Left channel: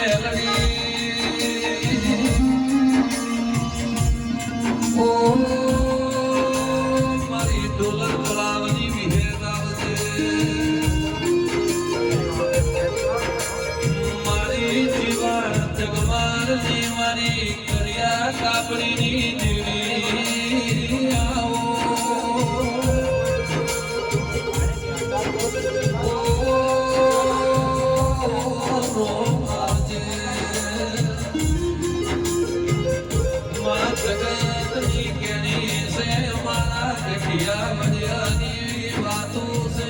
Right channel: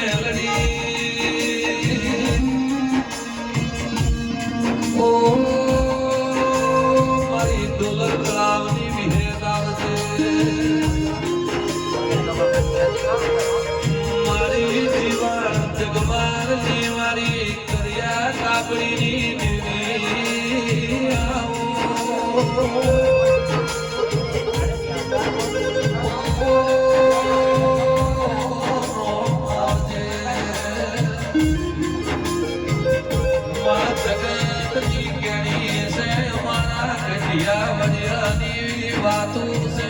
melody. યા મજની વાતો છે.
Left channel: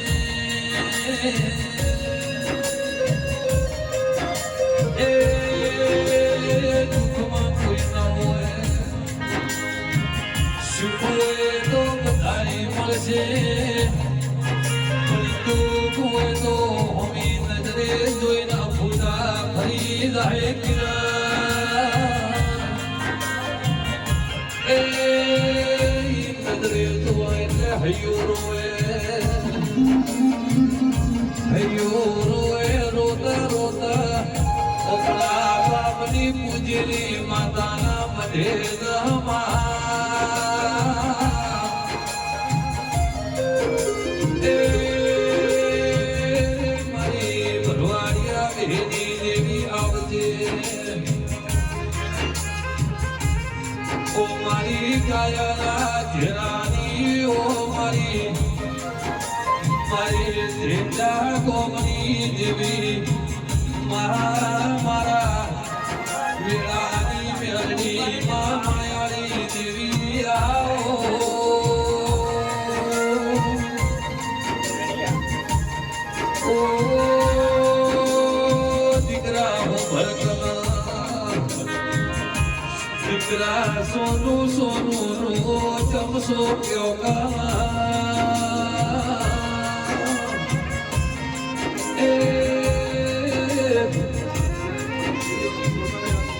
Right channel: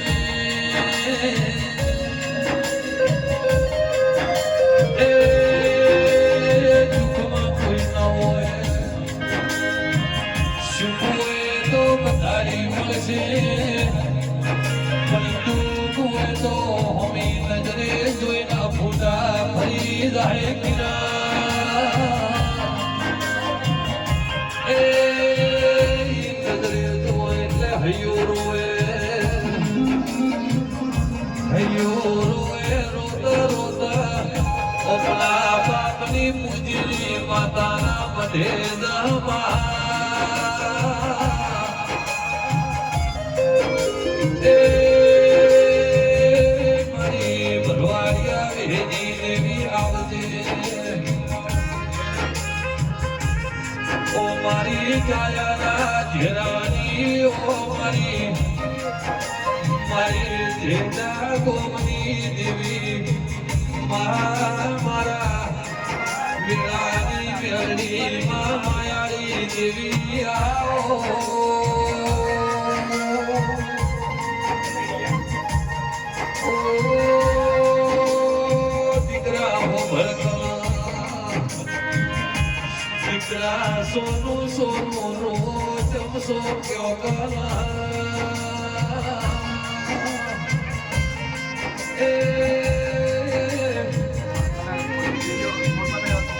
છે પલટું કુએ તો હમી નજરે જોઈને ભૂલા ફરી જાય કિરણ પૂજની માતાના આવજે ઓ મારી ગાયના ઝેરાની ઓ મારી મારી ઝેરા ગોમની દેવી મારા દીકરા સોનું સોનું ચમસો એ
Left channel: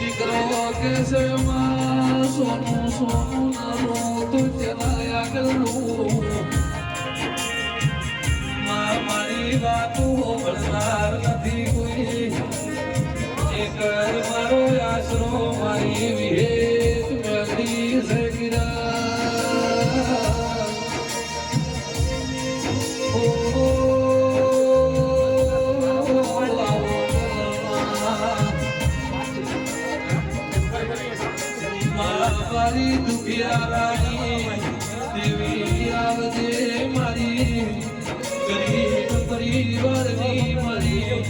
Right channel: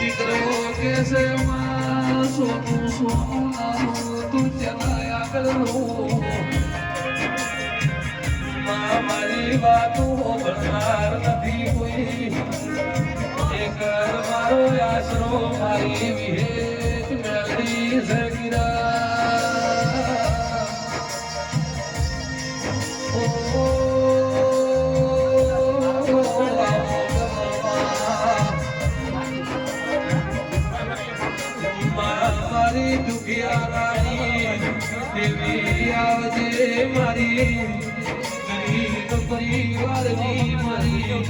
દીકરો કે છે માં સોનું સોનું નાનો તું ચલાયા કરું મારી વાતો નથી કોઈ.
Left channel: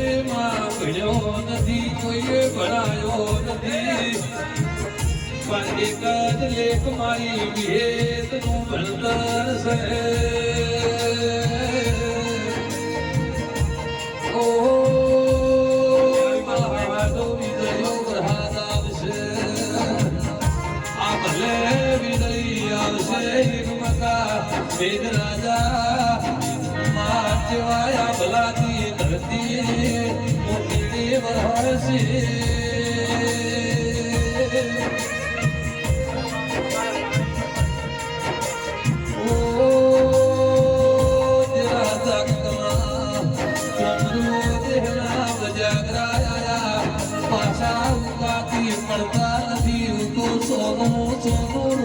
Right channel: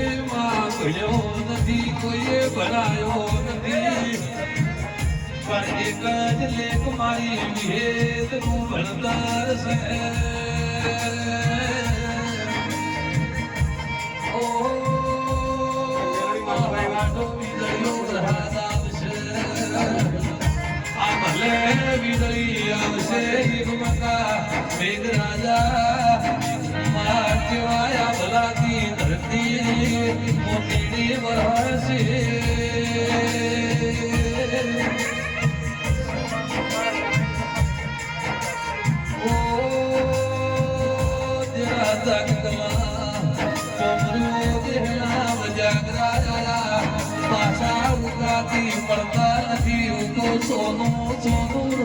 મેળવી તે ભોળા જમાડ્યા હોય અમારા માટે તો પાડી લગાડ્યા હોય મારી જોયા વડલાની વિહેત આવો લેખ મારી ભેદ નું ભણતર છે ઓ મારા વાડો વિજયો ગ્રહાદ આવશે આ ભલે વીજળી આવશે મકા વેદ રાજા માં કેવાયા ભલાથી ધરતી મોતીની વરસે. પડતા નથી. ઉતો સોનું સોનું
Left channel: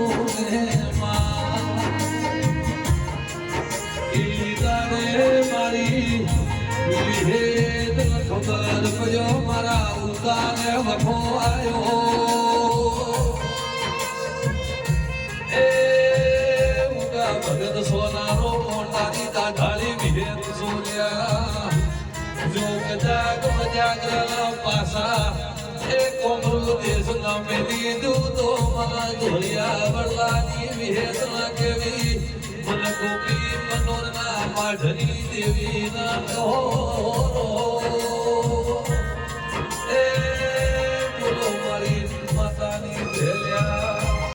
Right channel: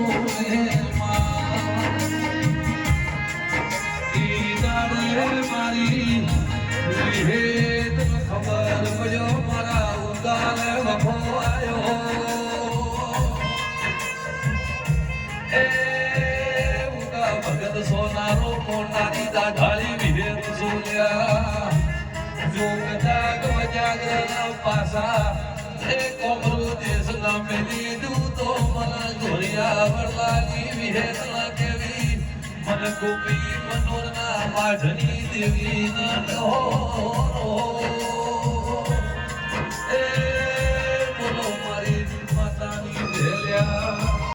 વિભેદ ખબર પડ્યો મારા ઉગાને વખો આવ્યો. એ ઉગા ભગત સોનાનો કાઢની દેવી ના